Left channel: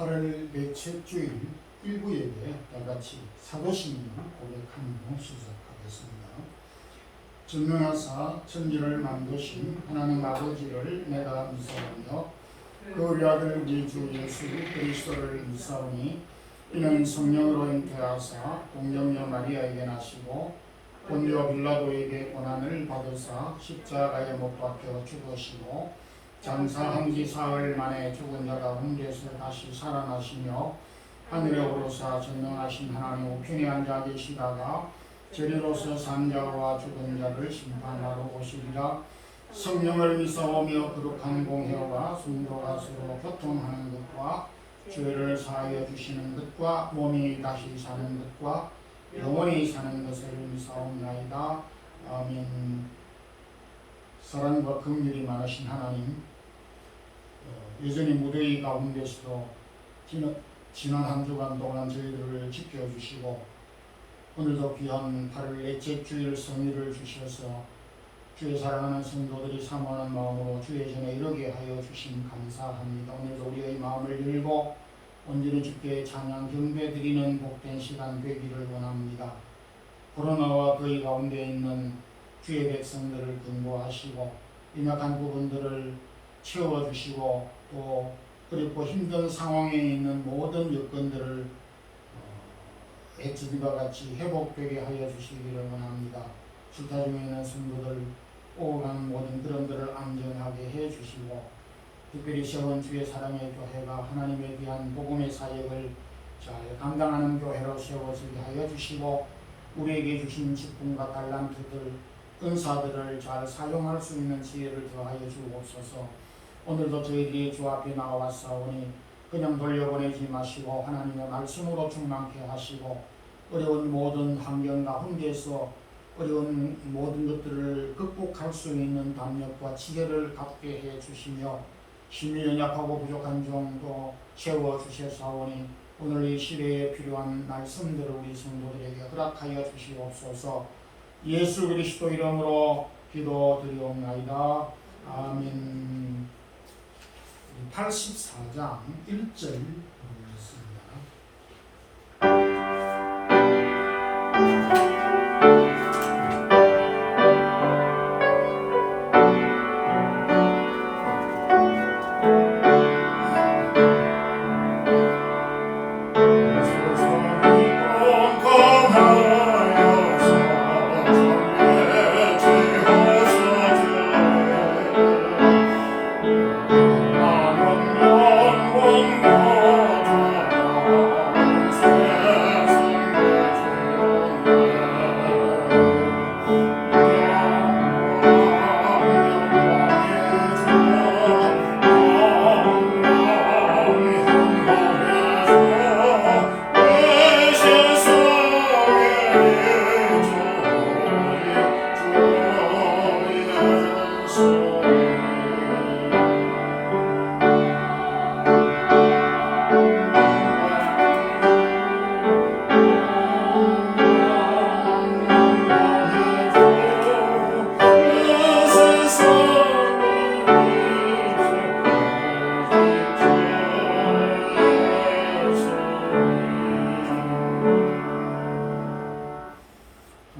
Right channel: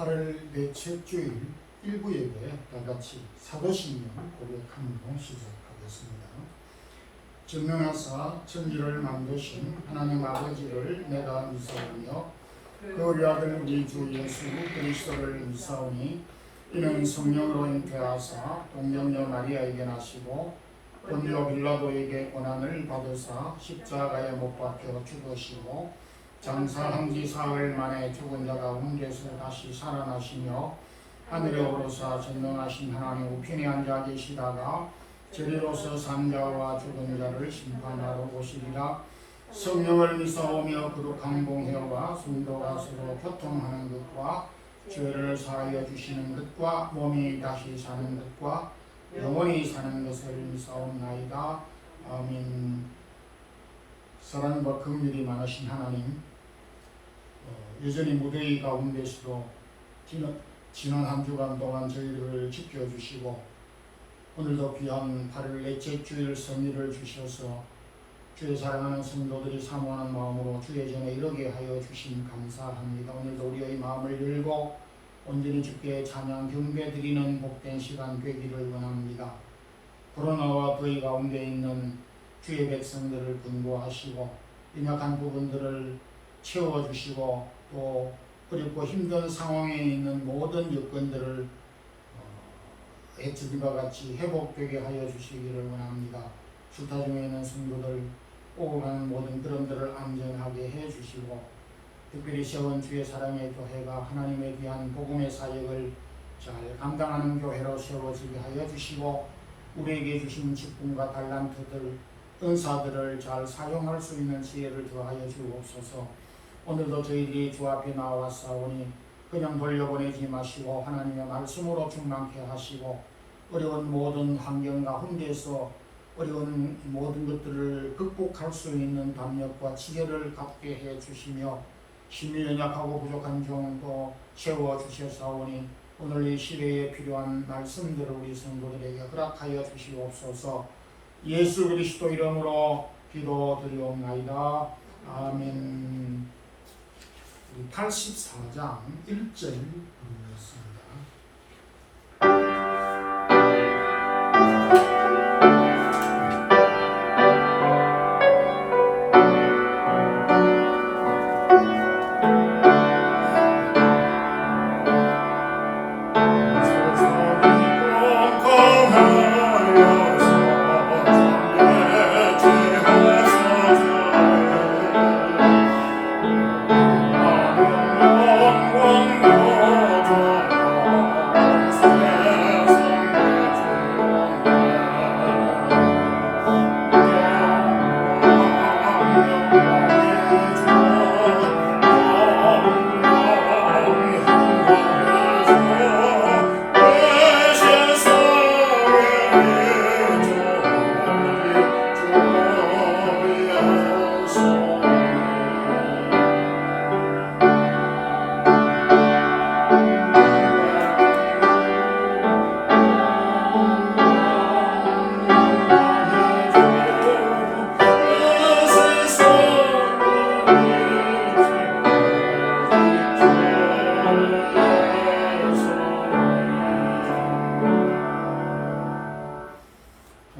8월 넷째 주일 일부 예배 다같이 사도신경 고백함으로 시작하겠습니다. 전능하사 천지를 만드신 하나님 아버지를 내가 믿사오며 그 외아들 우리 주 예수 그리스도를 믿사오니 이는 성령으로 잉태하사 동정녀 마리아에게 나시고 본디오 빌라도에게 고난을 받으사 십자가에 못 박혀 죽으시고 장사한 지 사흘 만에 죽은 자 가운데서 다시 살아나시며 하늘에 오르사 전능하신 하나님 우편에 앉아 계시다가 저리로서 산자와 죽은 자를 심판하러 오시리라. 성령을 믿사오며 거룩한 공회와 성도가 서로 교통하는 것과 죄를 사하여 주시는 것과 몸이 다시 사는 것과 영원히 사는 것을 믿사옵나이다. 아멘. 사랑과 긍휼이 많으신 하나님, 여전히 무더위 가운데서도 지난 한 주간 동안 저희들을 지켜주시고 오늘도 귀한 8월 넷째 주일 성의를 주셔서 주의 사랑하는 성도들이 사모하는 마음으로 주의 전에 이르게 하여 주심 감사합니다. 오늘도 우리의 마음을 열고 온전히 주께 찬양 경배 드리는 복된 시간 되기를 원합니다. 코로나와 더위 가운데 있는 주의 백성들을 근구하시고 연약한 부분들을 채워주시고 또 어렵고 힘든 상황에 있는 모든 여건들을 예전과 같이 회복되게 하여 주시기를 원합니다. 출타 중에 있는 성도들 오고 가는 모든 그런들을 안전하게 해주시고 특별히 세운 주의 사랑의 교회가 하나님의 귀한 복음의 사역을 잘 감당하는 교회로 세워지게 하여 주시고 우리에게 주신 직분과 달란트들 은사들을 잘 사용할 수 있는 지혜를 더하여 주옵소서. 오늘도 저희들이 주 앞에 나와싸우니 그냥 돌려보내지 마시고 하나님의 말씀으로 충만케 하시고 어려운 모든 환경 가운데서 어려운 모든 것들을 극복할 수 있는 담력과 지혜를 갖게 해 주시며 힘이 연약하고 부족한 종도 세워주셔사오니 오늘 이 시대에 필요한 말씀들을 우리 성도들에게 허락하여 주시옵소서. 예수 그리스도 이름으로 기도드리옵나이다. 아멘. 84장 1절 보겠습니다.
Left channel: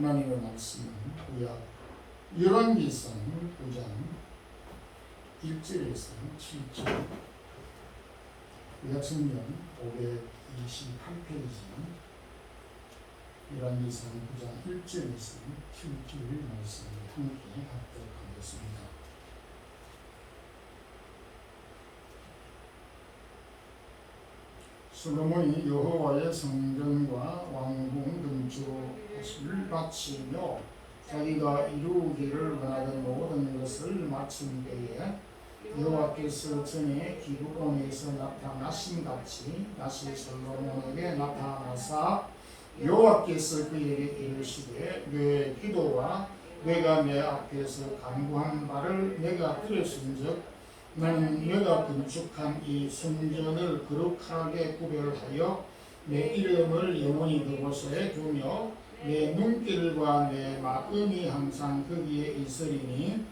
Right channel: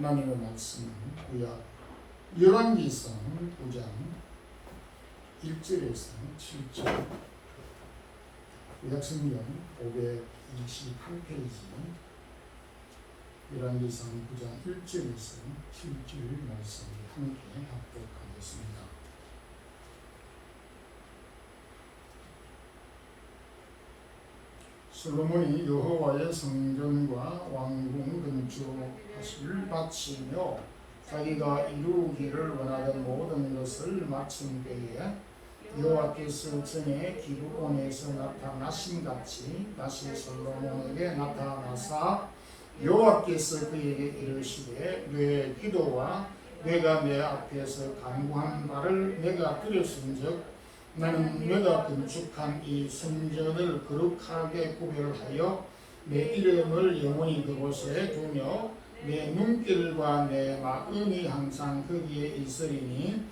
하나님의 말씀은 열왕기상 9장 1절에서 7절 구약성경 528페이지 열왕기상 9장 1절에서 7절 말씀을 함께 합독하겠습니다. 솔로몬이 여호와의 성전과 왕궁 건축을 마치며 자기가 이루기를 원하던 모든 것을 마친 때에 여호와께서 전에 기브온에서 나타나신 같이 다시 솔로몬에게 나타나사 여호와께서 그에게 이르시되 내 기도와 내가 내 앞에서 간구한 바를 내가 들었은즉 나는 내가 건축한 이 성전을 거룩하게 구별하여 내 이름을 영원히 그곳에 두며 내 눈길과 내 마음이 항상 거기에 있으리니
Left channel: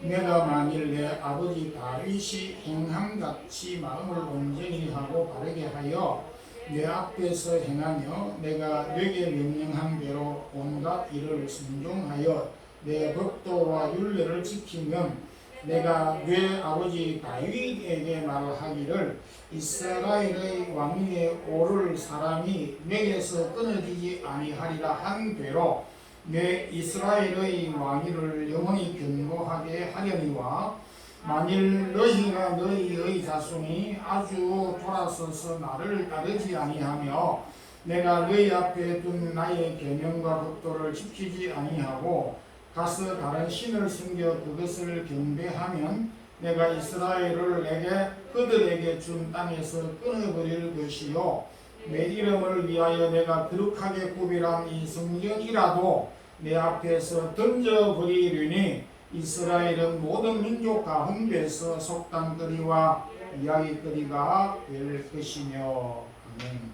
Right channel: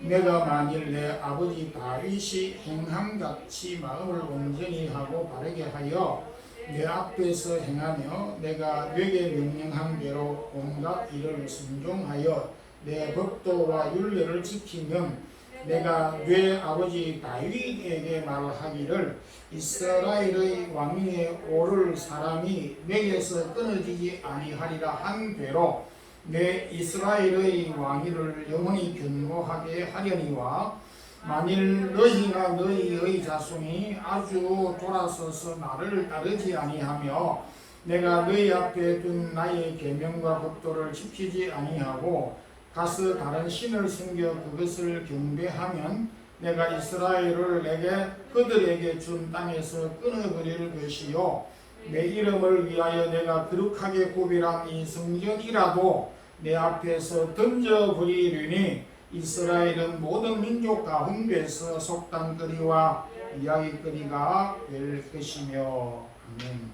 내가 만일 내 아버지 다윗이 행함같이 마음을 온전히 하고 바르게 하여 내 앞에서 행하며 내가 네게 명령한 대로 온갖 일을 순종하여 내 법도와 율례를 지키면 내가 네 아버지 다윗에게 말하기를 이스라엘의 왕위에 오를 사람이 내게서 끊어지지 아니하리라 한 대로 내 이스라엘의 왕위를 영원히 견고하게 하려니와 만일 너희나 너희의 자손이 아주 돌아서서 나를 따르지 아니하며 내가 너희 앞에 둔 나의 계명과 법도를 지키지 아니하고 가서 다른 신을 섬겨 그것을 경배하면 내가 이스라엘을 내게 그들에게 준 땅에서 끊어버릴 것이요 내 이름을 위하여 내가 거룩하게 구별한 이 성전이라도 내 앞에서 던져버리려니 이스라엘은 모든 민족 가운데서 속단거리와 이야기거리가 될 것이며. 아멘.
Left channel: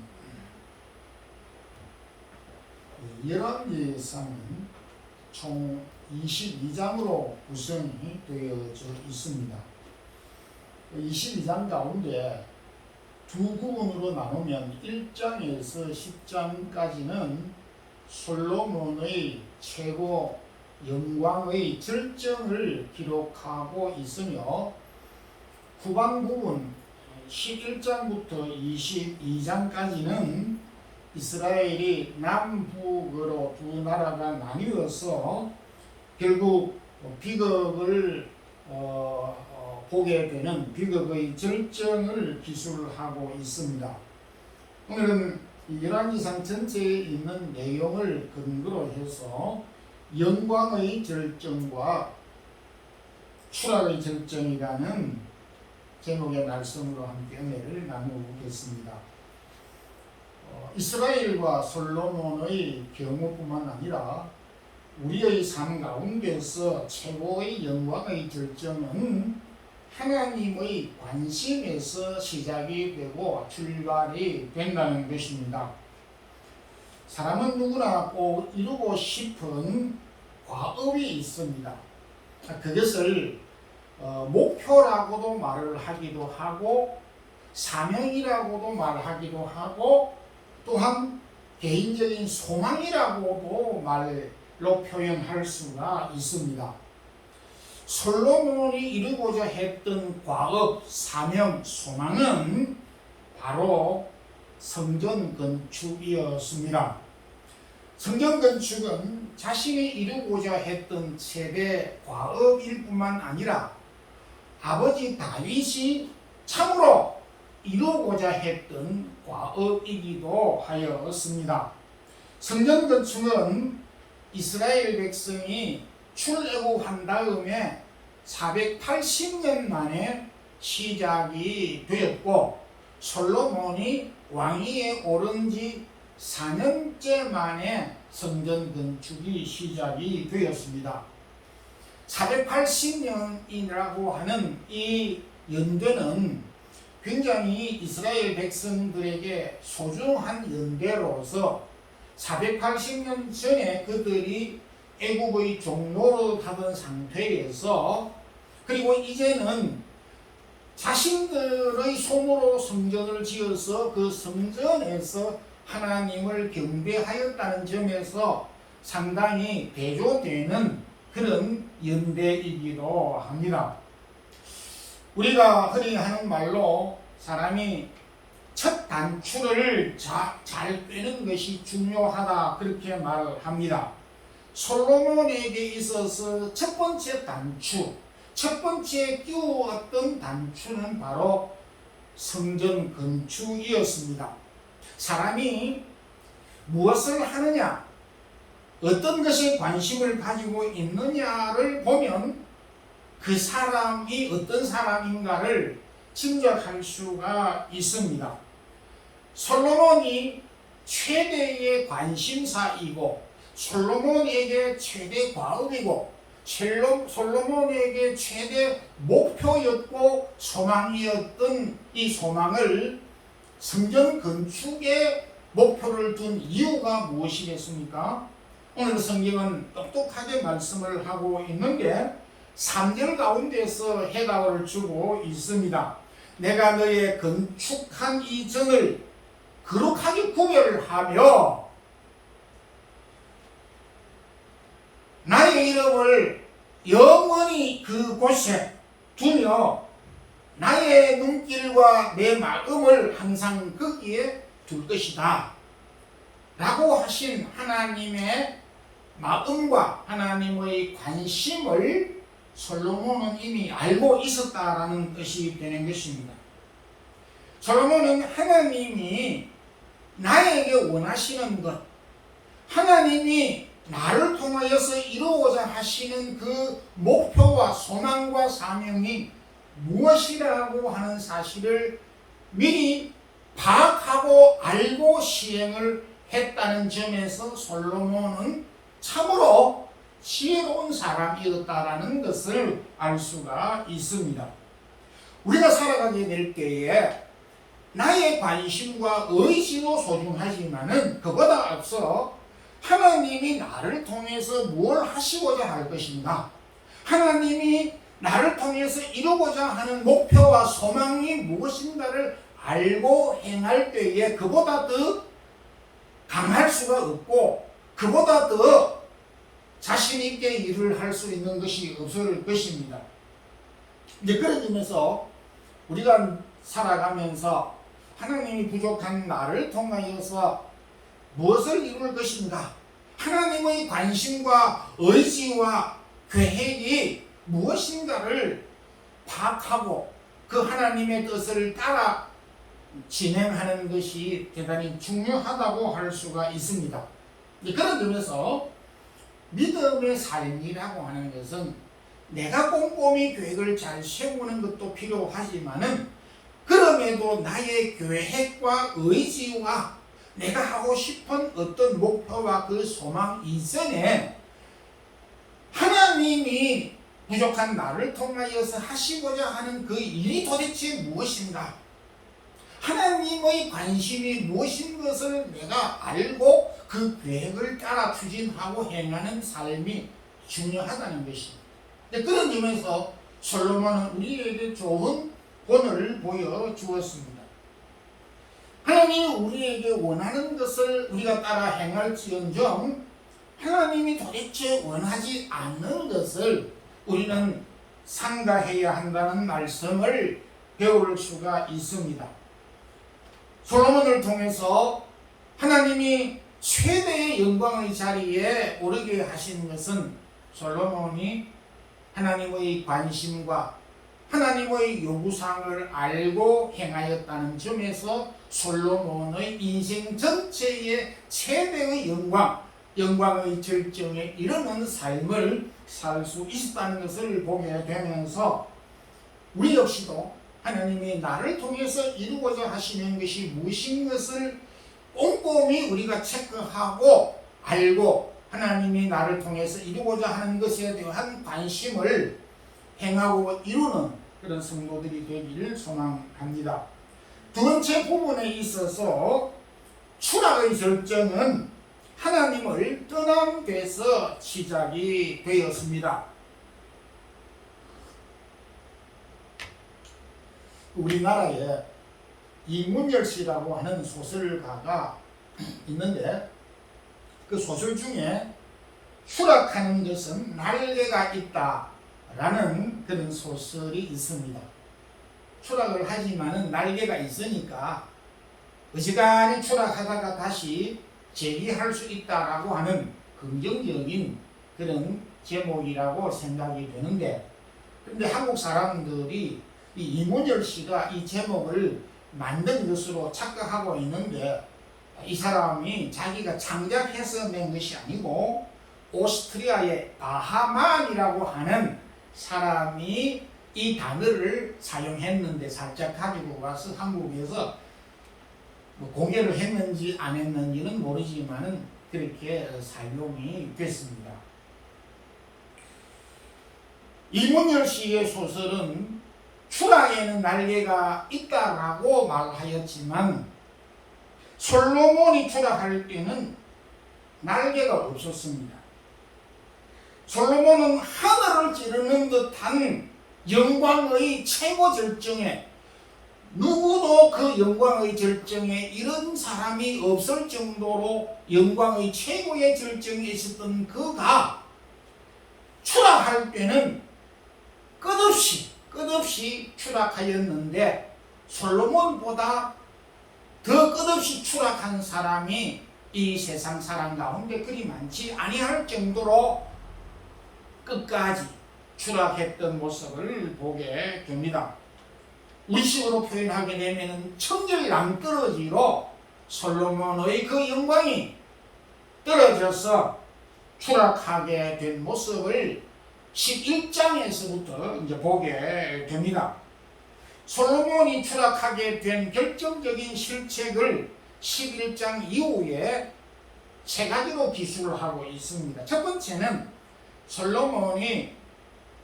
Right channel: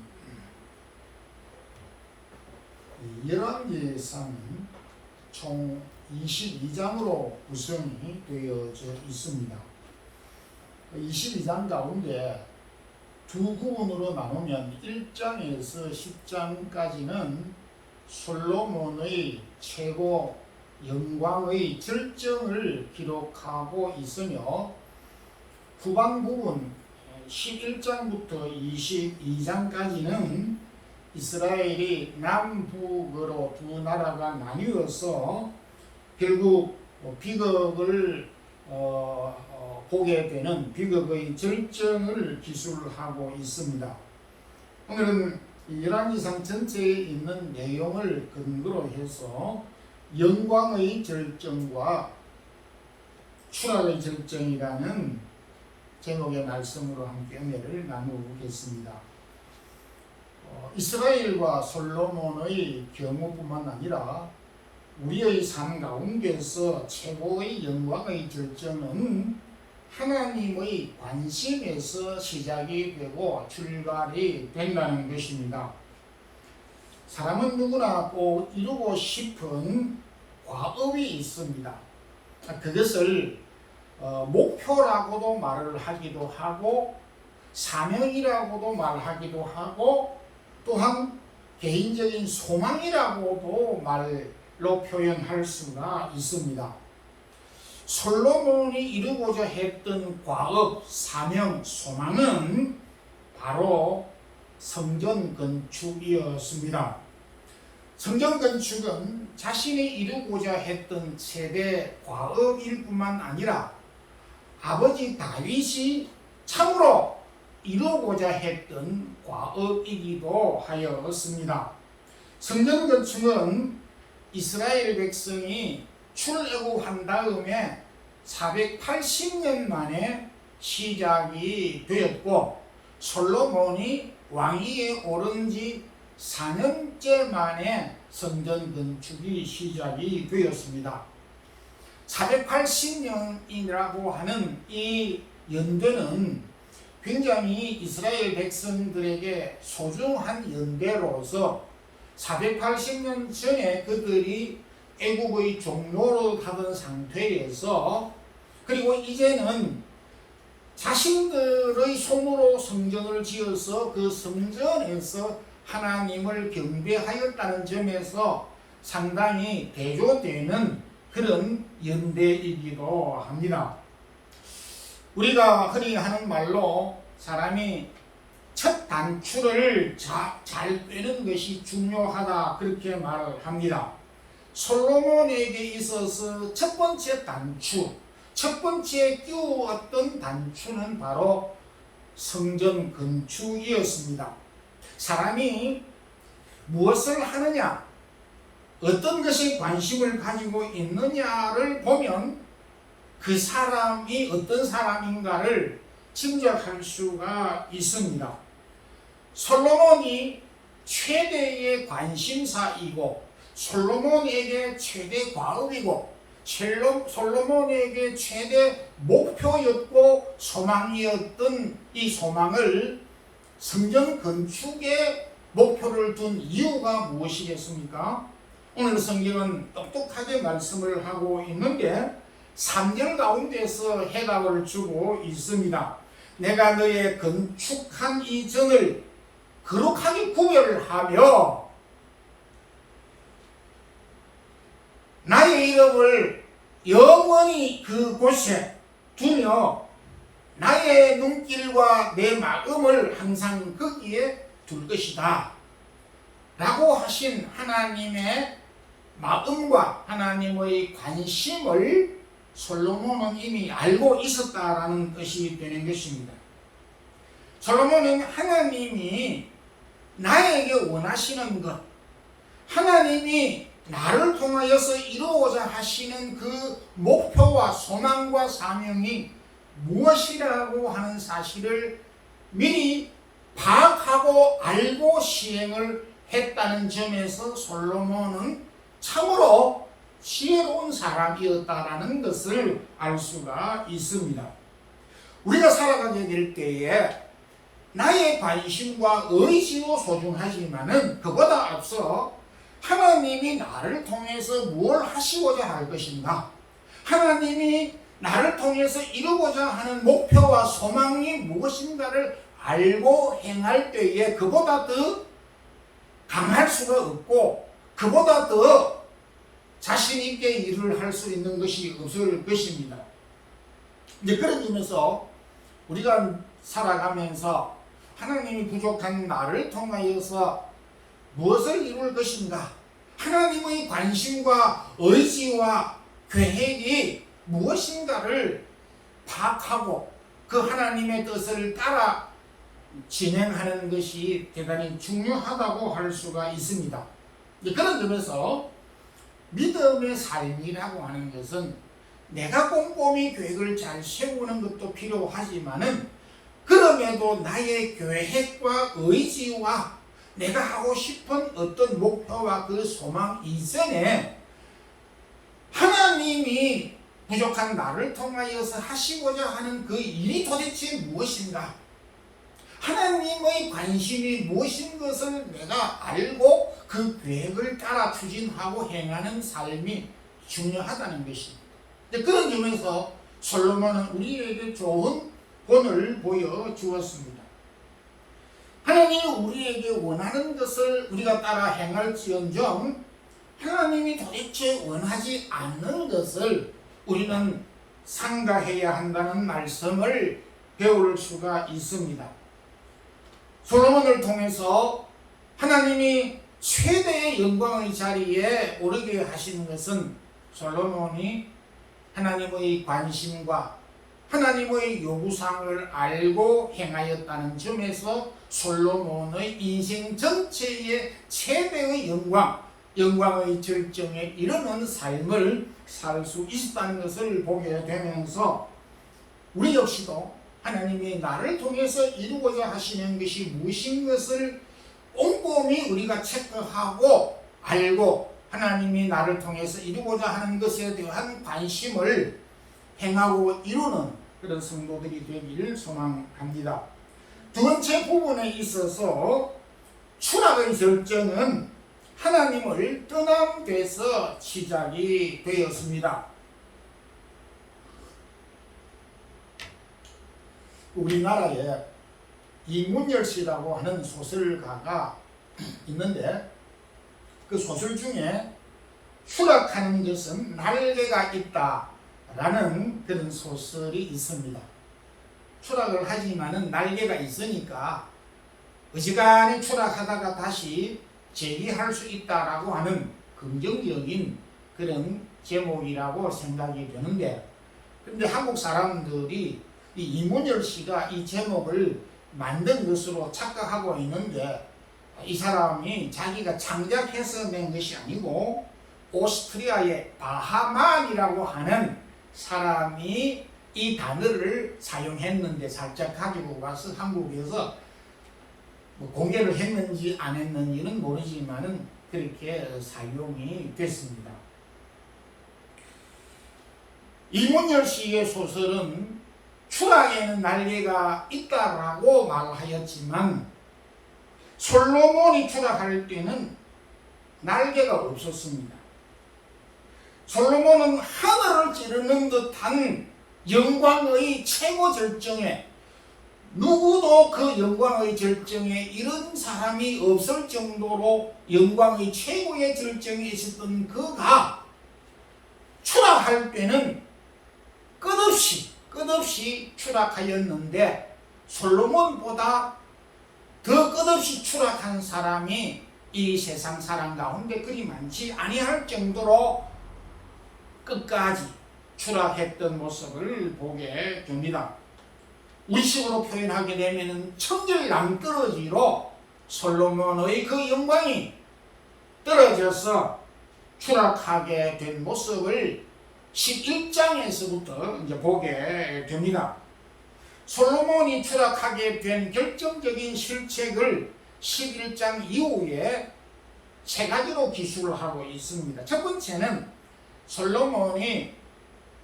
열왕기상은 총 22장으로 구성이 되어져 있습니다. 22장 가운데 두 부분으로 나누면 1장에서 10장까지는 솔로몬의 최고 영광의 절정을 기록하고 있으며 후반 부분 11장부터 22장까지는 이스라엘이 남북으로 두 나라가 나뉘어서 결국 비극을 보게 되는 비극의 절정을 기술하고 있습니다. 오늘은 열왕기상 전체에 있는 내용을 근거로 해서 영광의 절정과 추락의 절정이라는 제목의 말씀으로 함께 은혜를 나누겠습니다. 이스라엘과 솔로몬의 경우뿐만 아니라 우리의 삶 가운데서 최고의 영광의 절정은 하나님의 관심에서 시작이 되고 출발이 된다는 것입니다. 사람은 누구나 꼭 이루고 싶은 과업이 있습니다. 그것을 목표라고도 말을 하기도 하고 사명이라고도 말하기도 하고 또한 개인적인 소망이라고도 말로 표현할 수가 있습니다. 솔로몬이 이루고자 했던 과업, 사명, 소망은 바로 성전 건축이었습니다. 성전 건축은 자신이 이루고자 했던 최대 과업일 뿐만 아니라 아버지 다윗이 참으로 이루고자 했던 과업이기도 하였습니다. 성전 건축은 이스라엘 백성이 출애굽한 다음에 480년 만에 시작이 되었고 솔로몬이 왕위에 오른 지 4년째 만에 성전 건축이 시작이 되었습니다. 480년이라고 하는 이 연대는 굉장히 이스라엘 백성들에게 소중한 연대로서 480년 전에 그들이 애국의 종로로 하던 상태에서 그리고 이제는 자신들의 손으로 성전을 지어서 그 성전에서 하나님을 경배하였다는 점에서 상당히 대조되는 그런 연대이기도 합니다. 우리가 흔히 하는 말로 사람이 첫 단추를 잘 꿰는 것이 중요하다 그렇게 말을 합니다. 솔로몬에게 있어서 첫 번째 단추, 첫 번째 끼웠던 단추는 바로 성전 건축이었습니다. 사람이 무엇을 하느냐, 어떤 것에 관심을 가지고 있느냐를 보면 그 사람이 어떤 사람인가를 짐작할 수가 있습니다. 솔로몬이 최대의 관심사이고 솔로몬에게 최대 과업이고 솔로몬에게 최대 목표였고 소망이었던 이 소망을 성전 건축에 목표를 둔 이유가 무엇이겠습니까? 오늘 성경은 똑똑하게 말씀을 하고 있는데 3절 가운데서 해답을 주고 있습니다. 내가 너의 건축한 이 전을 거룩하게 구별하며 나의 이름을 영원히 그곳에 두며 나의 눈길과 내 마음을 항상 거기에 둘 것이다 라고 하신 하나님의 마음과 하나님의 관심을 솔로몬은 이미 알고 있었다라는 뜻이 되는 것입니다. 솔로몬은 하나님이 나에게 원하시는 것, 하나님이 나를 통하여서 이루고자 하시는 그 목표와 소망과 사명이 무엇이라고 하는 사실을 미리 파악하고 알고 시행을 했다는 점에서 솔로몬은 참으로 지혜로운 사람이었다라는 것을 알 수가 있습니다. 우리가 살아가게 될 때에 나의 관심과 의지도 소중하지만은 그보다 앞서 하나님이 나를 통해서 뭘 하시고자 할 것인가, 하나님이 나를 통해서 이루고자 하는 목표와 소망이 무엇인가를 알고 행할 때에 그보다 더 강할 수가 없고 그보다 더 자신 있게 일을 할 수 있는 것이 없을 것입니다. 이제 그런 점에서 우리가 살아가면서 하나님이 부족한 나를 통하여서 무엇을 이룰 것인가, 하나님의 관심과 의지와 계획이 무엇인가를 파악하고 그 하나님의 뜻을 따라 진행하는 것이 대단히 중요하다고 할 수가 있습니다. 그런 점에서 믿음의 삶이라고 하는 것은 내가 꼼꼼히 계획을 잘 세우는 것도 필요하지만은 그럼에도 나의 계획과 의지와 내가 하고 싶은 어떤 목표와 그 소망 이전에 하나님이 부족한 나를 통하여서 하시고자 하는 그 일이 도대체 무엇인가, 하나님의 관심이 무엇인 것을 내가 알고 그 계획을 따라 추진하고 행하는 삶이 중요하다는 것입니다. 그런 점에서 솔로몬은 우리에게 좋은 본을 보여주었습니다. 하나님이 우리에게 원하는 것을 우리가 따라 행할지언정 하나님이 도대체 원하지 않는 것을 우리는 삼가해야 한다는 말씀을 배울 수가 있습니다. 솔로몬을 통해서 하나님이 최대의 영광의 자리에 오르게 하신 것은 솔로몬이 하나님의 관심과 하나님의 요구사항을 알고 행하였다는 점에서 솔로몬의 인생 전체의 최대의 영광의 절정에 이르는 삶을 살 수 있었다는 것을 보게 되면서 우리 역시도 하나님이 나를 통해서 이루고자 하시는 것이 무엇인 것을 꼼꼼히 우리가 체크하고 알고 하나님이 나를 통해서 이루고자 하는 것에 대한 관심을 행하고 이루는 그런 성도들이 되기를 소망합니다. 두 번째 부분에 있어서 추락의 절정은 하나님을 떠난 데서 시작이 되었습니다. 우리나라에 이문열 씨라고 하는 소설가가 있는데 그 소설 중에 추락하는 것은 날개가 있다라는 그런 소설이 있습니다. 추락을 하지만은 날개가 있으니까 어지간히 추락하다가 다시 재기할 수 있다라고 하는 긍정적인 그런 제목이라고 생각이 되는데, 그런데 한국 사람들이 이 이문열 씨가 이 제목을 만든 것으로 착각하고 있는데 이 사람이 자기가 창작해서 낸 것이 아니고 오스트리아의 바하만이라고 하는 사람이 이 단어를 사용했는데 살짝 가지고 와서 한국에서 공개를 했는지 안 했는지는 모르지만은 그렇게 사용이 됐습니다. 이문열 씨의 소설은 추락에는 날개가 있다라고 말하였지만 솔로몬이 추락할 때는 날개가 없었습니다. 솔로몬은 하늘을 찌르는 듯한 영광의 최고 절정에, 누구도 그 영광의 절정에 이런 사람이 없을 정도로 영광의 최고의 절정에 있었던 그가 추락할 때는 끝없이 추락하였는데, 솔로몬보다 더 끝없이 추락한 사람이 이 세상 사람 가운데 그리 많지 아니할 정도로 끝까지 추락했던 모습을 보게 됩니다. 우리식으로 표현하게 되면 천절 낭떠러지로 솔로몬의 그 영광이 떨어져서 추락하게 된 모습을 11장에서부터 이제 보게 됩니다. 솔로몬이 추락하게 된 결정적인 실책을 11장 이후에 세 가지로 기술을 하고 있습니다. 첫 번째는 솔로몬이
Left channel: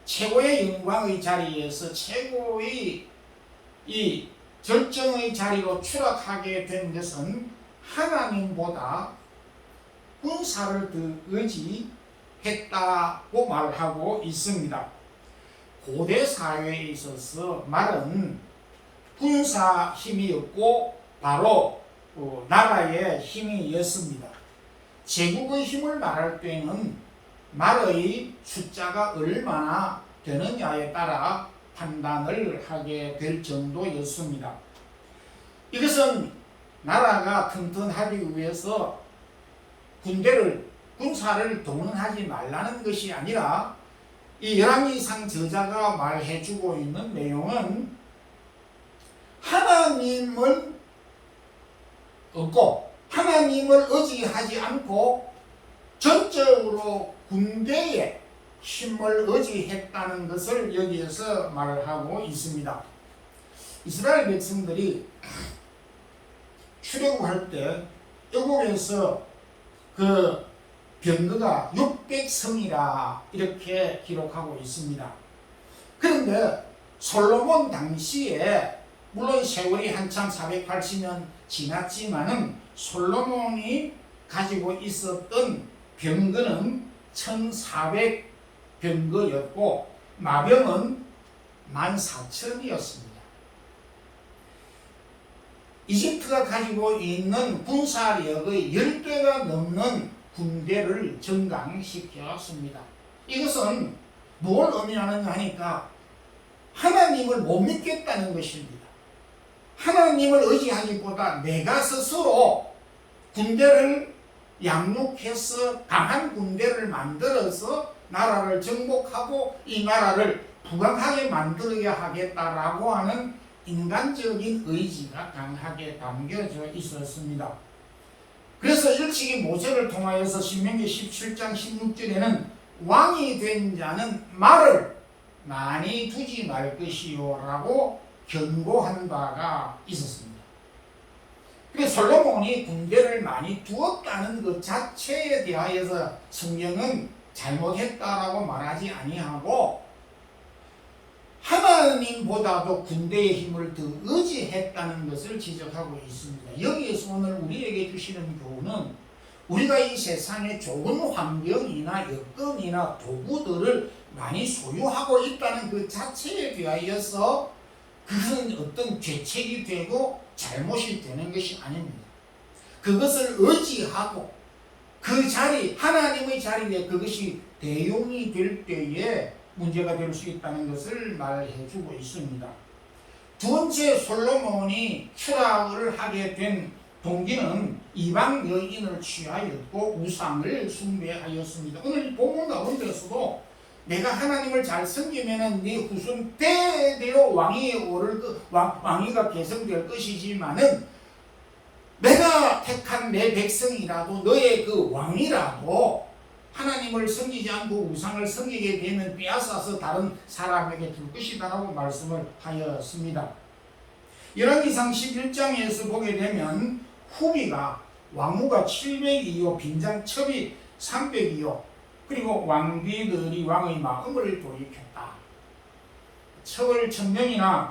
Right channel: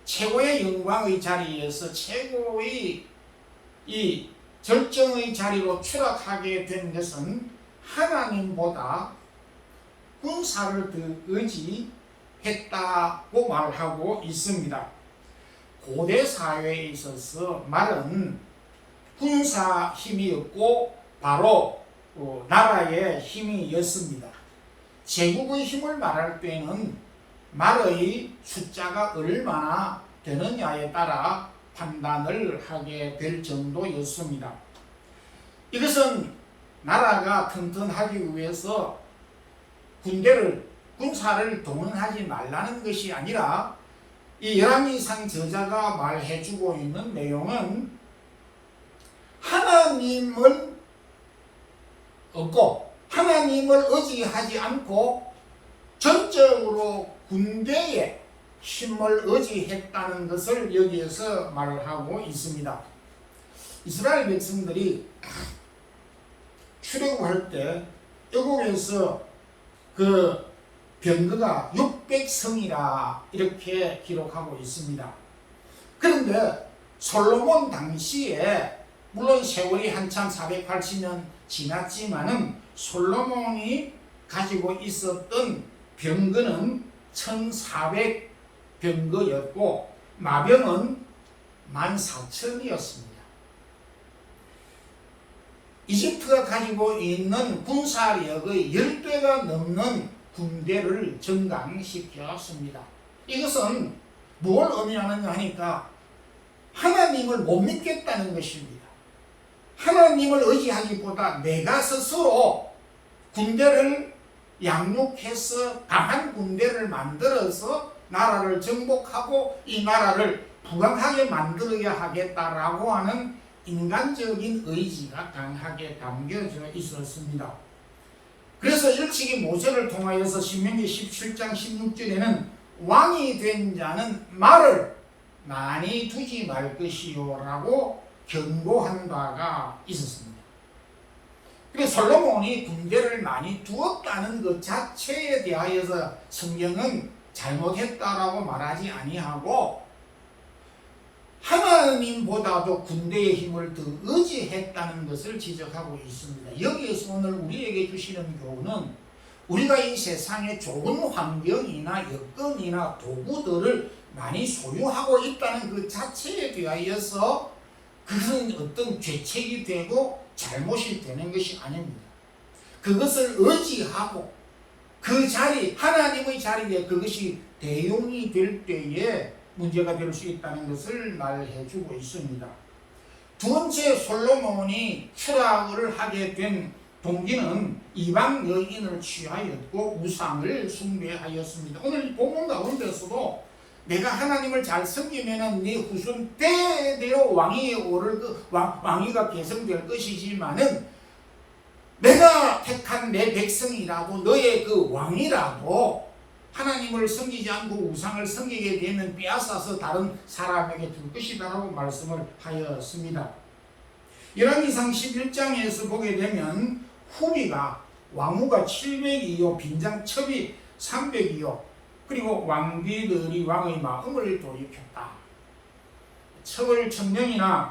최고의 영광의 자리에서 최고의 이 절정의 자리로 추락하게 된 것은 하나님보다 군사를 더 의지했다고 말하고 있습니다. 고대 사회에 있어서 말은 군사 힘이었고 바로 나라의 힘이었습니다. 제국의 힘을 말할 때는 말의 숫자가 얼마나 되느냐에 따라 판단을 하게 될 정도였습니다. 이것은 나라가 튼튼하기 위해서 군사를 동원하지 말라는 것이 아니라 이 열왕기상 저자가 말해주고 있는 내용은 하나님을 얻고 하나님을 의지하지 않고 전적으로 군대에 힘을 의지했다는 것을 여기에서 말하고 있습니다. 이스라엘 백성들이 출애굽할 때 애국에서 그 병거가 600성이라 이렇게 기록하고 있습니다. 그런데 솔로몬 당시에 물론 세월이 한참 480년 지났지만은 솔로몬이 가지고 있었던 병거는 1400병거였고 마병은 14,000이었습니다. 이집트가 가지고 있는 군사력의 10배가 넘는 군대를 증강시켰습니다. 이것은 뭘 의미하느냐 하니까 하나님을 못 믿겠다는 것입니다. 하나님을 의지하기보다 내가 스스로 군대를 양육해서 강한 군대를 만들어서 나라를 정복하고 이 나라를 부강하게 만들어야 하겠다라고 하는 인간적인 의지가 강하게 담겨져 있었습니다. 그래서 일찍이 모세를 통하여서 신명기 17장 16절에는 왕이 된 자는 말을 많이 두지 말 것이요 라고 경고한 바가 있었습니다. 그래서 솔로몬이 군대를 많이 두었다는 것 자체에 대하여서 성경은 잘못했다라고 말하지 아니하고 하나님보다도 군대의 힘을 더 의지했다는 것을 지적하고 있습니다. 여기에서 오늘 우리에게 주시는 교훈은 우리가 이 세상에 좋은 환경이나 여건이나 도구들을 많이 소유하고 있다는 그 자체에 대하여서 그것은 어떤 죄책이 되고 잘못이 되는 것이 아닙니다. 그것을 의지하고 그 자리, 하나님의 자리에 그것이 대용이 될 때에 문제가 될 수 있다는 것을 말해주고 있습니다. 두 번째, 솔로몬이 추락을 하게 된 동기는 이방 여인을 취하였고 우상을 숭배하였습니다. 오늘 본문 가운데서도 내가 하나님을 잘 섬기면은 네 후손 대대로 왕위에 오를 왕위가 계승될 것이지만은 내가 택한 내 백성이라도 너의 그 왕이라도 하나님을 섬기지 않고 우상을 섬기게 되면 빼앗아서 다른 사람에게 줄 것이다라고 말씀을 하였습니다. 열왕기상 11장에서 보게 되면 후비가 왕후가 700이요 빈장첩이 300이요 그리고 왕비들이 왕의 마음을 돌이켰다. 첩을 1000명이나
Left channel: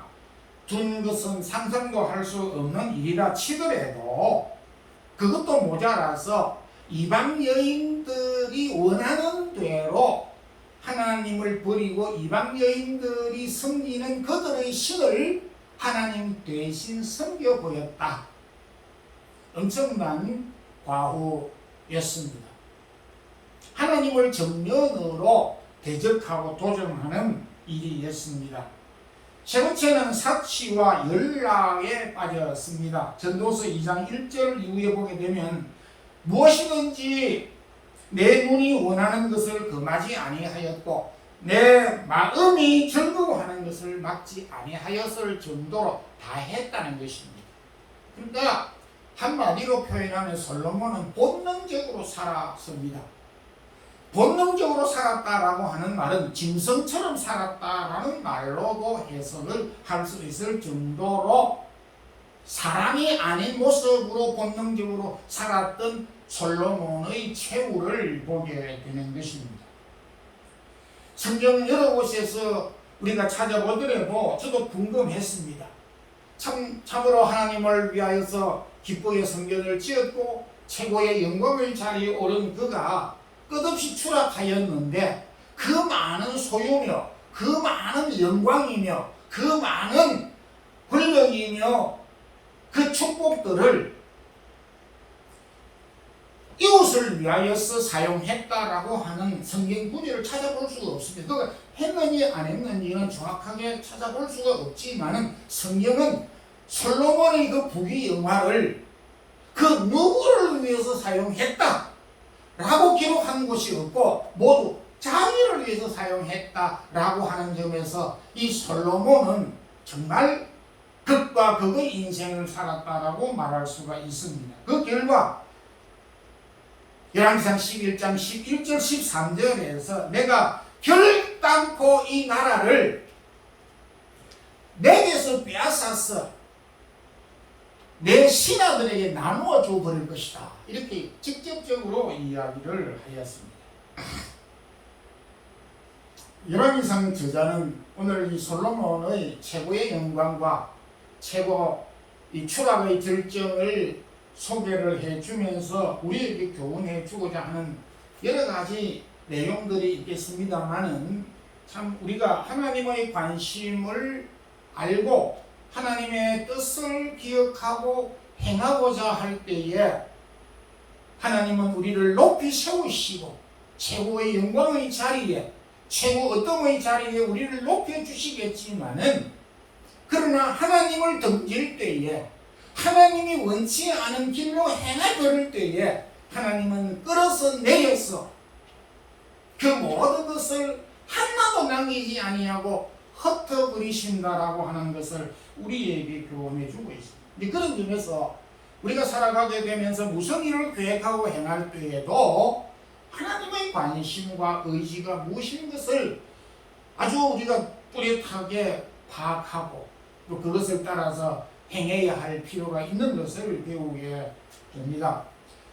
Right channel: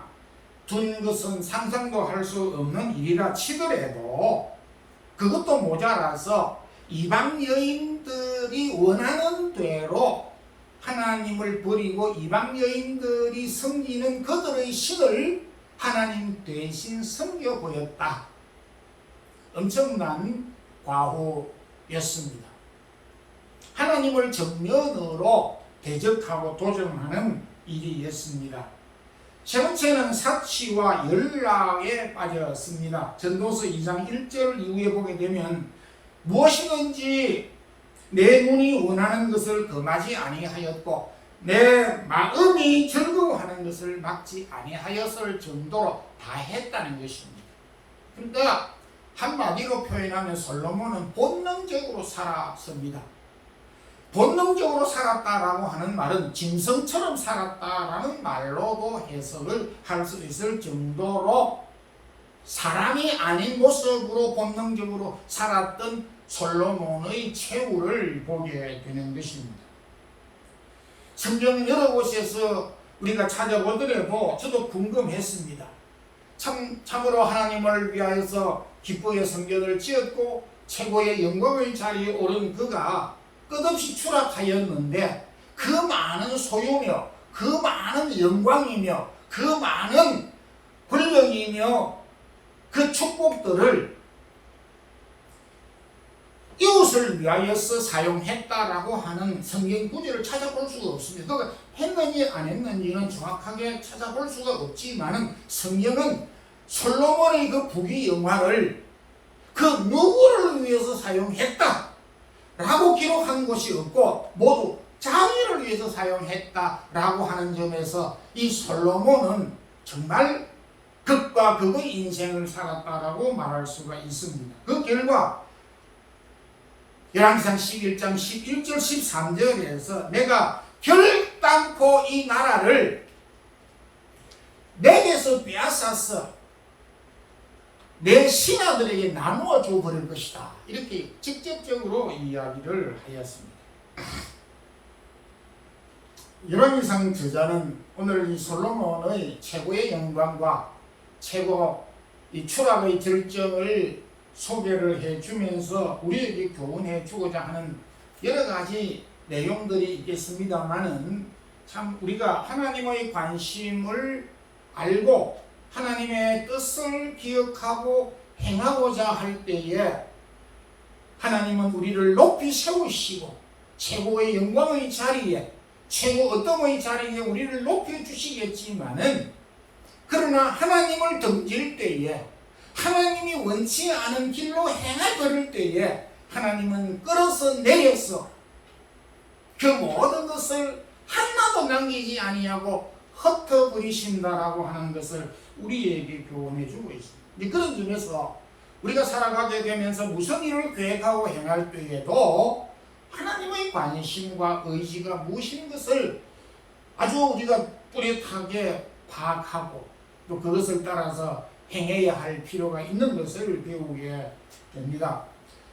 둔 것은 상상도 할 수 없는 일이라 치더라도 그것도 모자라서 이방 여인들이 원하는 대로 하나님을 버리고 이방 여인들이 섬기는 그들의 신을 하나님 대신 섬겨 보였다. 엄청난 과오였습니다. 하나님을 정면으로 대적하고 도전하는 일이었습니다. 세 번째는 사치와 연락에 빠졌습니다. 전도서 2장 1절 이후에 보게 되면 무엇이든지 내 눈이 원하는 것을 금하지 아니하였고 내 마음이 즐거워하는 것을 막지 아니하였을 정도로 다 했다는 것입니다. 그러니까 한마디로 표현하면 솔로몬은 본능적으로 살았습니다. 본능적으로 살았다라고 하는 말은 짐승처럼 살았다라는 말로도 해석을 할 수 있을 정도로 사람이 아닌 모습으로 본능적으로 살았던 솔로몬의 최후를 보게 되는 것입니다. 성경 여러 곳에서 우리가 찾아보더라도 저도 궁금했습니다. 참으로 하나님을 위하여서 기쁘게 성전을 지었고 최고의 영광의 자리에 오른 그가 끝없이 추락하였는데 그 많은 소유며 그 많은 영광이며 그 많은 권력이며 그 축복들을 이웃을 위하여서 사용했다라고 하는 성경 구절을 찾아볼 수가 없습니다. 그가 했는지 안 했는지는 정확하게 찾아볼 수가 없지만 성경은 솔로몬의 그 부귀영화를 그 누구를 위해서 사용했다 라고 기록한 곳이 없고 모두 자기를 위해서 사용했다라고 하는 점에서 이 솔로몬은 정말 극과 극의 인생을 살았다라고 말할 수가 있습니다. 그 결과 열왕기상 11장 11절 13절에서 내가 결단코 이 나라를 내게서 빼앗아서 내 신하들에게 나누어 줘 버릴 것이다. 이렇게 직접적으로 이야기를 하였습니다. 열왕기상 저자는 오늘 이 솔로몬의 최고의 영광과 최고 이 추락의 절정을 소개를 해주면서 우리에게 교훈해 주고자 하는 여러 가지 내용들이 있겠습니다만은 참 우리가 하나님의 관심을 알고 하나님의 뜻을 기억하고 행하고자 할 때에 하나님은 우리를 높이 세우시고 최고의 영광의 자리에 최고 어떤 자리에 우리를 높여주시겠지만은 그러나 하나님을 던질 때에 하나님이 원치 않은 길로 행해버릴 때에 하나님은 끌어서 내려서 그 모든 것을 하나도 남기지 아니하고 흩어버리신다라고 하는 것을 우리에게 교훈해 주고 있습니다. 그런 점에서 우리가 살아가게 되면서 무슨 일을 계획하고 행할 때에도 하나님의 관심과 의지가 무엇인 것을 아주 우리가 뚜렷하게 파악하고 또 그것을 따라서 행해야 할 필요가 있는 것을 배우게 됩니다.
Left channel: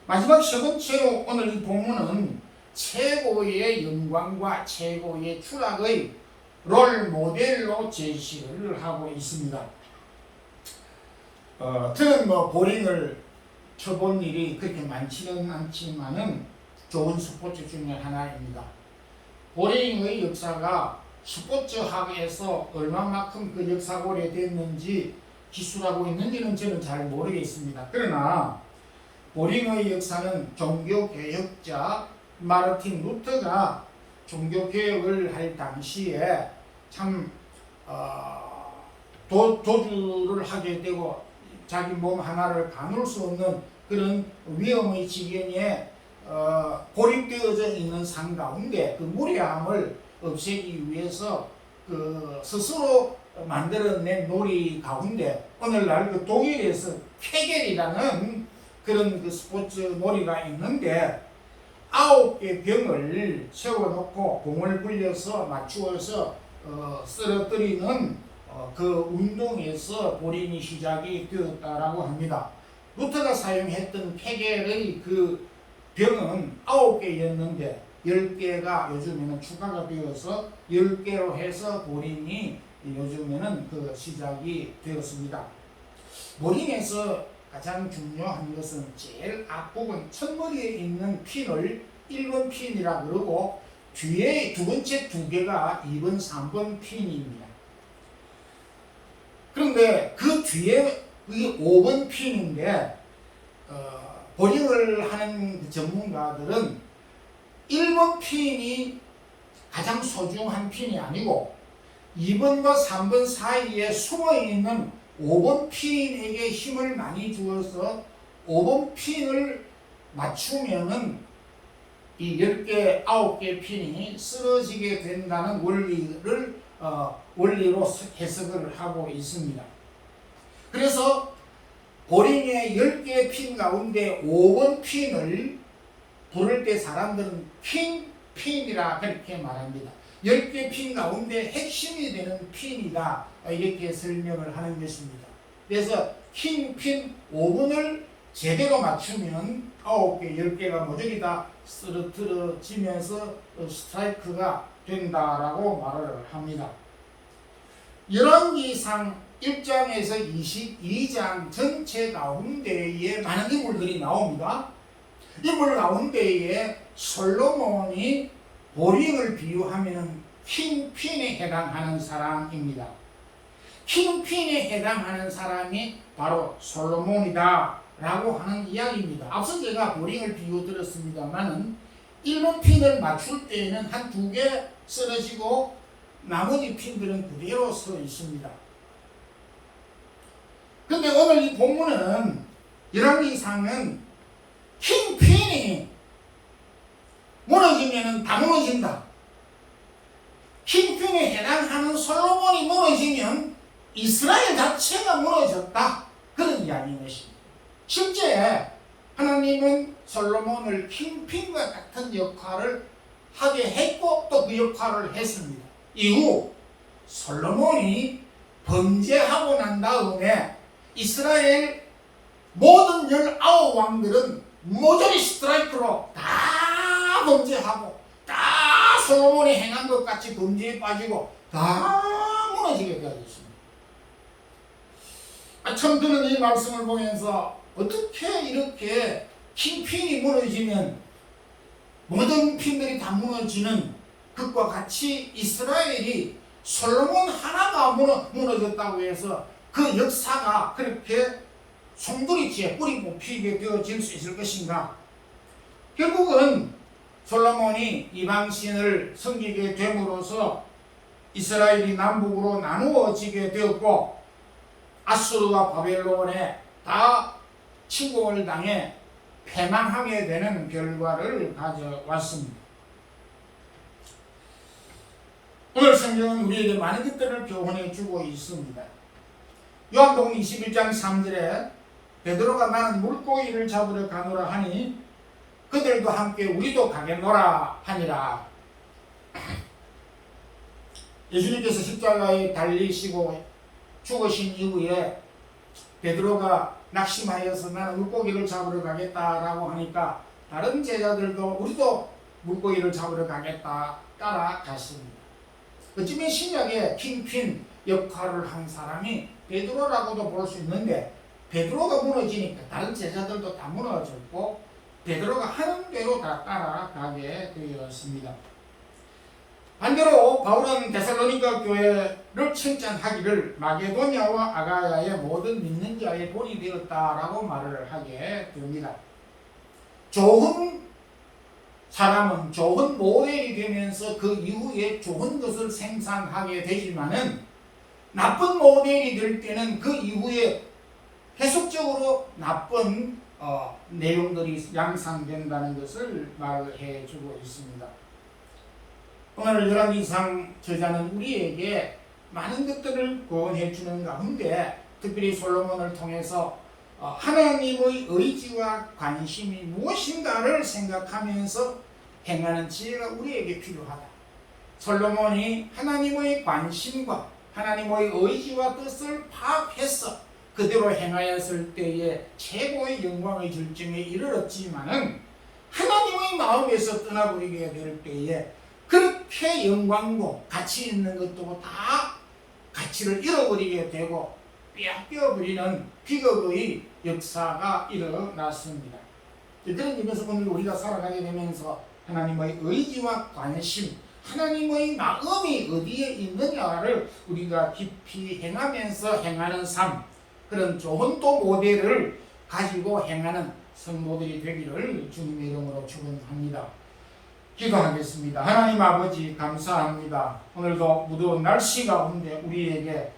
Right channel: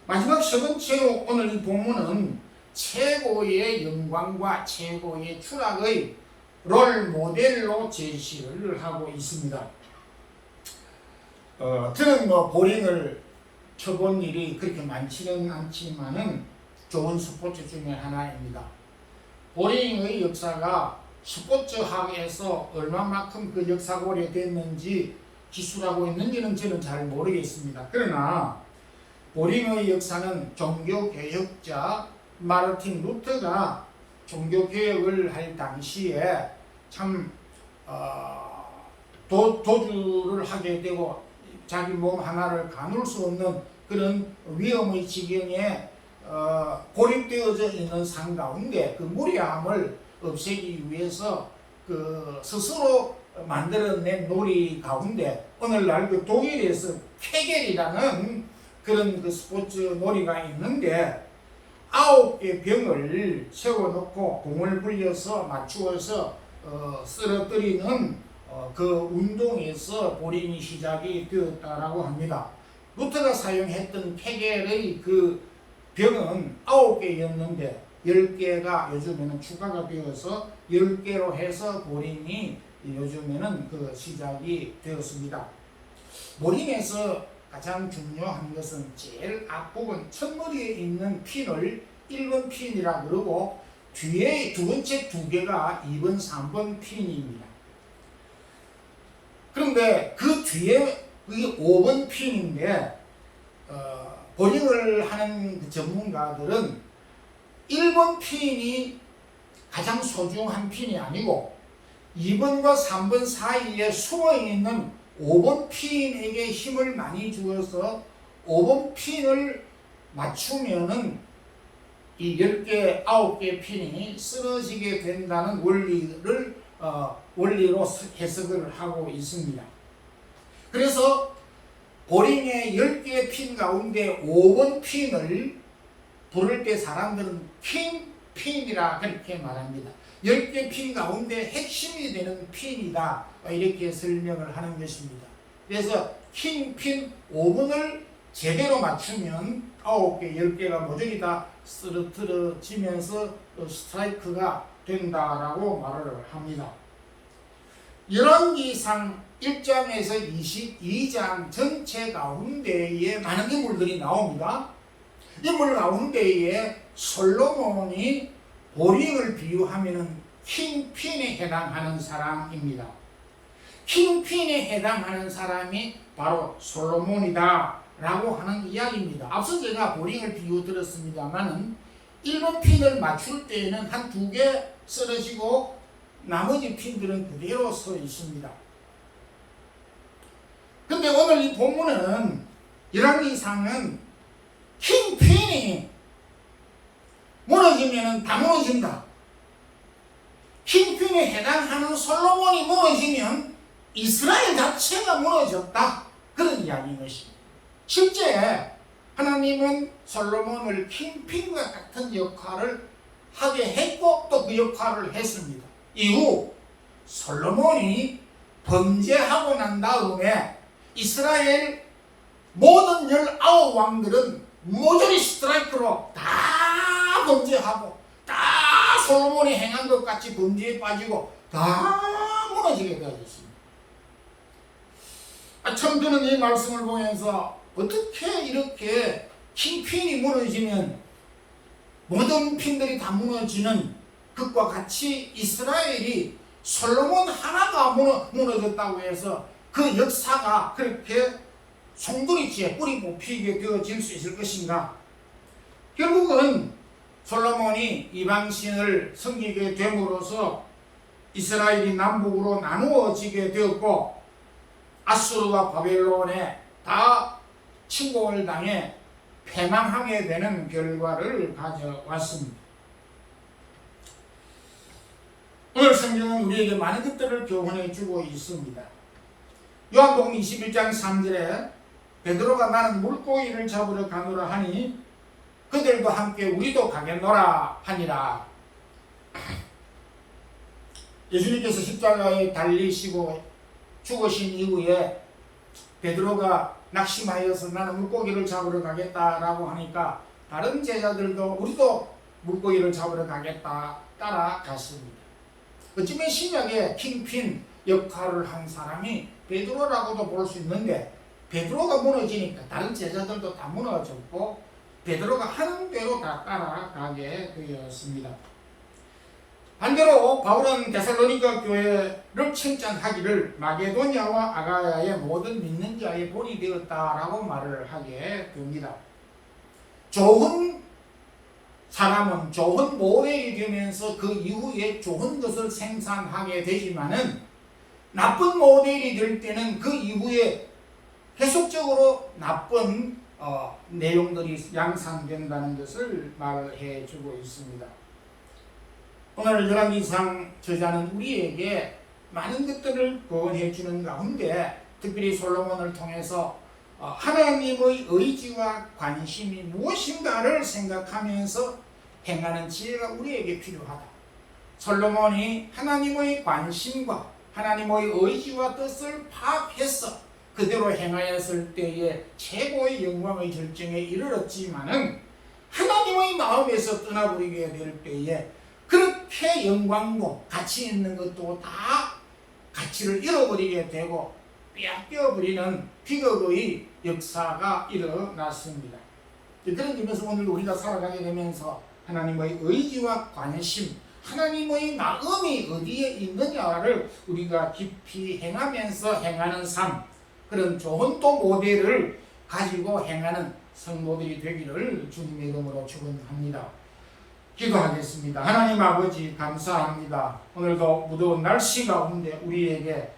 마지막 세 번째로 오늘 이 본문은 최고의 영광과 최고의 추락의 롤 모델로 제시를 하고 있습니다. 저는 보링을 쳐본 일이 그렇게 많지는 않지만은 좋은 스포츠 중에 하나입니다. 보링의 역사가 스포츠학에서 얼마만큼 그 역사가 오래됐는지 기술하고 있는지는 저는 잘 모르겠습니다. 그러나 보링의 역사는 종교개혁자 마르틴 루터가 종교개혁을 할 당시에 참 도주를 하게 되고 자기 몸 하나를 가눌 수 없는 그런 위험의 지경에 고립되어져 있는 상 가운데 그 무례함을 없애기 위해서 그 스스로 만들어낸 놀이 가운데 오늘날 그 독일에서 케겔이라는 그런 그 스포츠 놀이가 있는데 9개 병을 세워놓고 공을 굴려서 맞추어서 쓰러뜨리는 그 운동에서 보링이 시작이 되었다라고 합니다. 루터가 사용했던 케겔의 그 병은 9개였는데 10개가 요즘에는 추가가 되어서 10개로 해서 보링이 요즘에는 그 시작이 되었습니다. 보링에서 가장 중요한 것은 제일 앞부분 첫머리에 있는 핀을 1번 핀이라고 그러고 뒤에 두 번째 두 개가 2번, 3번 핀입니다. 그런데 그 뒤에 그게 5번 핀인데 보링을 하는 그 전문가들은 1번 핀이 가장 소중한 핀이 아니고 2번과 3번 사이에 숨어있는 5번 핀에게 힘을 많이 주어서 5번 핀을 맞추면은 이 10개, 9개 핀이 쓰러지게 된다는 원리로 해석을 하고 있습니다. 그래서 보링의 10개의 핀 가운데 5번 핀을 부를 때 사람들은 킹핀이라 그렇게 말합니다. 10개 핀 가운데 핵심이 되는 핀이다, 이렇게 설명을 하는 것입니다. 그래서 킹핀 5번을 제대로 맞추면 9개, 10개가 모조리 다 쓰러뜨려지면서 스트라이크가 된다라고 말을 합니다. 열왕기상 1장에서 22장 전체 가운데에 많은 인물들이 나옵니다. 인물 가운데에 솔로몬이 보링을 비유하면 킹핀에 해당하는 사람입니다. 킹핀에 해당하는 사람이 바로 솔로몬이다 라고 하는 이야기입니다. 앞서 제가 보링을 비유 들었습니다만은 1번 핀을 맞출 때에는 한 2개 쓰러지고 나머지 핀들은 그대로 서 있습니다. 근데 오늘 이 본문은 열왕기상은 킹핀이 무너지면 다 무너진다. 킹핀에 해당하는 솔로몬이 무너지면 이스라엘 자체가 무너졌다. 그런 이야기인 것입니다. 실제 하나님은 솔로몬을 킹핀과 같은 역할을 하게 했고 또 그 역할을 했습니다. 이후 솔로몬이 범죄하고 난 다음에 이스라엘 모든 19왕들은 모조리 스트라이크로 다 범죄하고 다 솔로몬이 행한 것 같이 범죄에 빠지고 다 무너지게 되어졌습니다. 처음 듣는 이 말씀을 보면서 어떻게 이렇게 킹핀이 무너지면 모든 핀들이 다 무너지는 것과 같이 이스라엘이 솔로몬 하나가 무너졌다고 해서 그 역사가 그렇게 송두리째 뿌리 뽑히게 되어질 수 있을 것인가? 결국은 솔로몬이 이방신을 섬기게 됨으로써 이스라엘이 남북으로 나누어지게 되었고 아수르와 바벨론에 다 침공을 당해 패망하게 되는 결과를 가져왔습니다. 오늘 성경은 우리에게 많은 것들을 교훈해 주고 있습니다. 요한복음 21장 3절에 베드로가 나는 물고기를 잡으러 가노라 하니 그들도 함께 우리도 가겠노라 하니라. 예수님께서 십자가에 달리시고 죽으신 이후에 베드로가 낙심하여서 나는 물고기를 잡으러 가겠다라고 하니까 다른 제자들도 우리도 물고기를 잡으러 가겠다 따라갔습니다. 어쩌면 신약의 킹핀 역할을 한 사람이 베드로라고도 볼 수 있는데 베드로가 무너지니까 다른 제자들도 다 무너졌고 베드로가 하는 대로 다 따라가게 되었습니다. 반대로 바울은 데살로니가 교회를 칭찬하기를 마게도냐와 아가야의 모든 믿는 자의 본이 되었다라고 말을 하게 됩니다. 좋은 사람은 좋은 모델이 되면서 그 이후에 좋은 것을 생산하게 되지만은 나쁜 모델이 될 때는 그 이후에 계속적으로 나쁜 내용들이 양상된다는 것을 말해 주고 있습니다. 오늘 열왕기상 저자는 우리에게 많은 것들을 권해 주는 가운데 특별히 솔로몬을 통해서 하나님의 의지와 관심이 무엇인가를 생각하면서 행하는 지혜가 우리에게 필요하다. 솔로몬이 하나님의 관심과 하나님의 의지와 뜻을 파악해서 그대로 행하였을 때에 최고의 영광의 절정에 이르렀지만은 하나님의 마음에서 떠나버리게 될 때에 그렇게 영광고 가치 있는 것도 다 가치를 잃어버리게 되고 빼앗겨버리는 비극의 역사가 일어났습니다. 그런 점에서 오늘 우리가 살아가게 되면서 하나님의 의지와 관심, 하나님의 마음이 어디에 있느냐를 우리가 깊이 행하면서 행하는 삶, 그런 좋은 또 모델을 가지고 행하는 성도들이 되기를 주님의 이름으로 축원합니다. 기도하겠습니다. 하나님 아버지 감사합니다. 오늘도 무더운 날씨 가운데 우리에게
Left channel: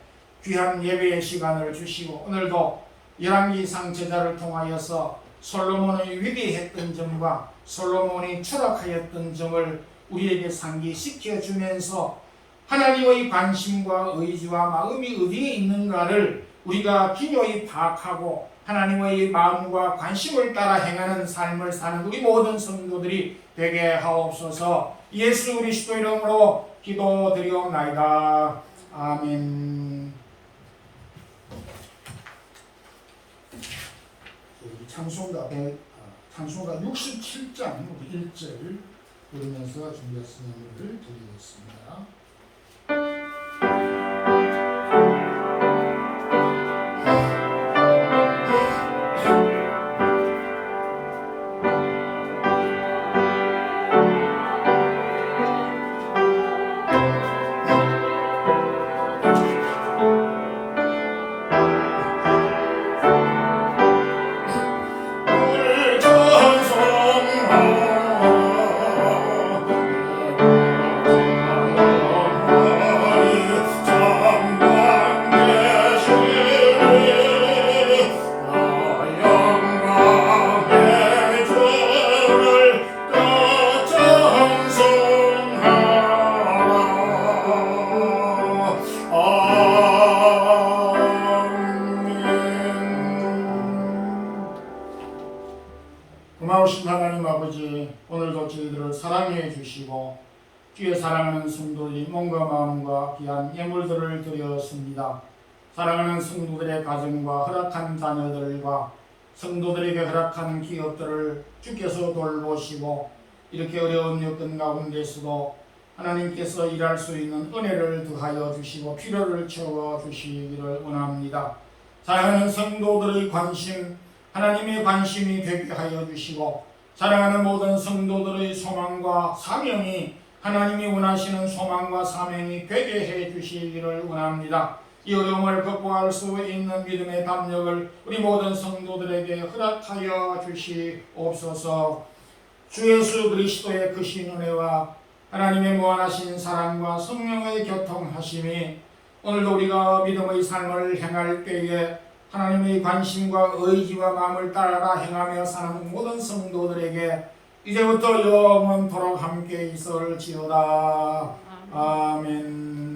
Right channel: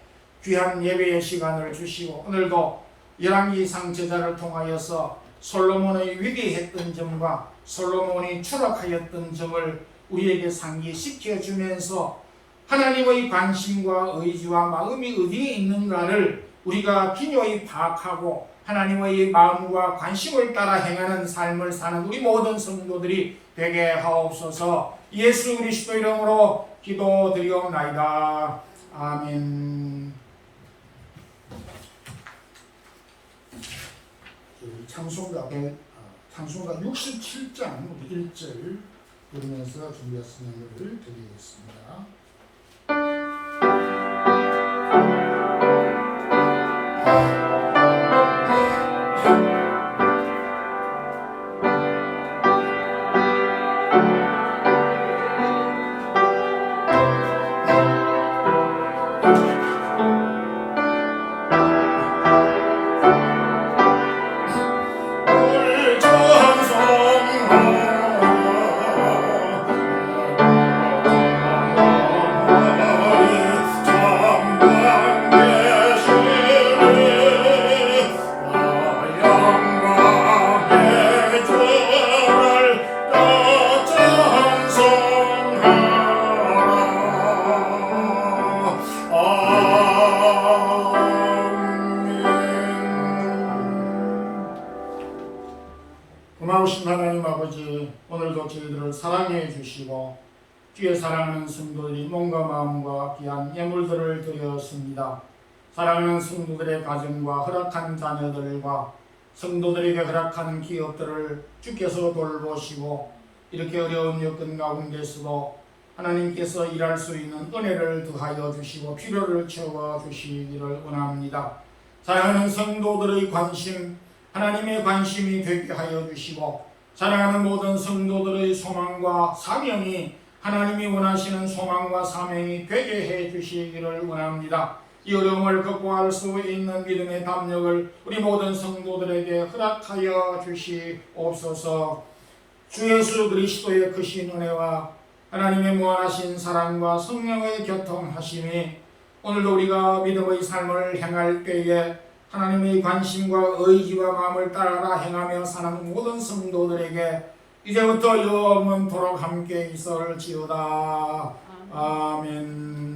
귀한 예배의 시간을 주시고 오늘도 열왕기상 제자를 통하여서 솔로몬의 위대했던 점과 솔로몬이 추락하였던 점을 우리에게 상기시켜 주면서 하나님의 관심과 의지와 마음이 어디에 있는가를 우리가 기묘히 파악하고 하나님의 마음과 관심을 따라 행하는 삶을 사는 우리 모든 성도들이 되게 하옵소서. 예수 그리스도 이름으로 기도드리옵나이다. 아멘. 찬송가 67장 1절 부르면서 준비했으면 노래를 드리겠습니다. 고마우신 하나님 아버지, 오늘도 저희들을 사랑해 주시고 주의 사랑하는 성도들이 몸과 마음과 귀한 예물들을 드렸습니다. 사랑하는 성도들의 가정과 허락한 자녀들과 성도들에게 허락한 기업들을 주께서 돌보시고 이렇게 어려운 여건 가운데서도 하나님께서 일할 수 있는 은혜를 더하여 주시고 필요를 채워 주시기를 원합니다. 사랑하는 성도들의 관심, 하나님의 관심이 되게 하여 주시고 사랑하는 모든 성도들의 소망과 사명이 하나님이 원하시는 소망과 사명이 되게 해 주시기를 원합니다. 이 어려움을 극복할 수 있는 믿음의 담력을 우리 모든 성도들에게 허락하여 주시옵소서. 주 예수 그리스도의 크신 은혜와 하나님의 무한하신 사랑과 성령의 교통하심이 오늘도 우리가 믿음의 삶을 행할 때에 하나님의 관심과 의지와 마음을 따라 행하며 사는 모든 성도들에게 이제부터 영원토록 함께 있을지어다. 아멘.